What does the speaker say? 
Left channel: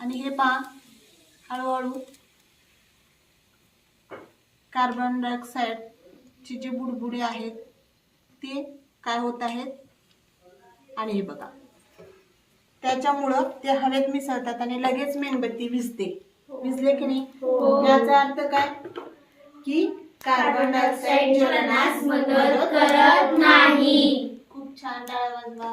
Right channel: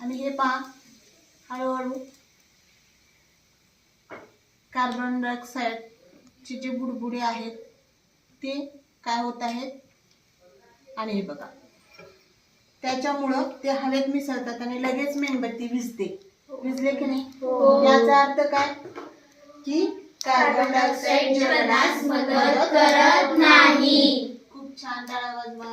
आणि हे पहा हळूहळू कार्बन डायऑक्साईडचे जे बुडबुडे आहेत ते काय होत आहेत आणि हे बघा त्याच्यामुळं ते हवेत मिसळतात आणि लगेच मेणबत्ती विझते. विझले की नाही? याचा अर्थ काय की कार्बन डायऑक्साईड जळण्यास मदत करत नाही. खूप छान, टाळ्या वाजवा.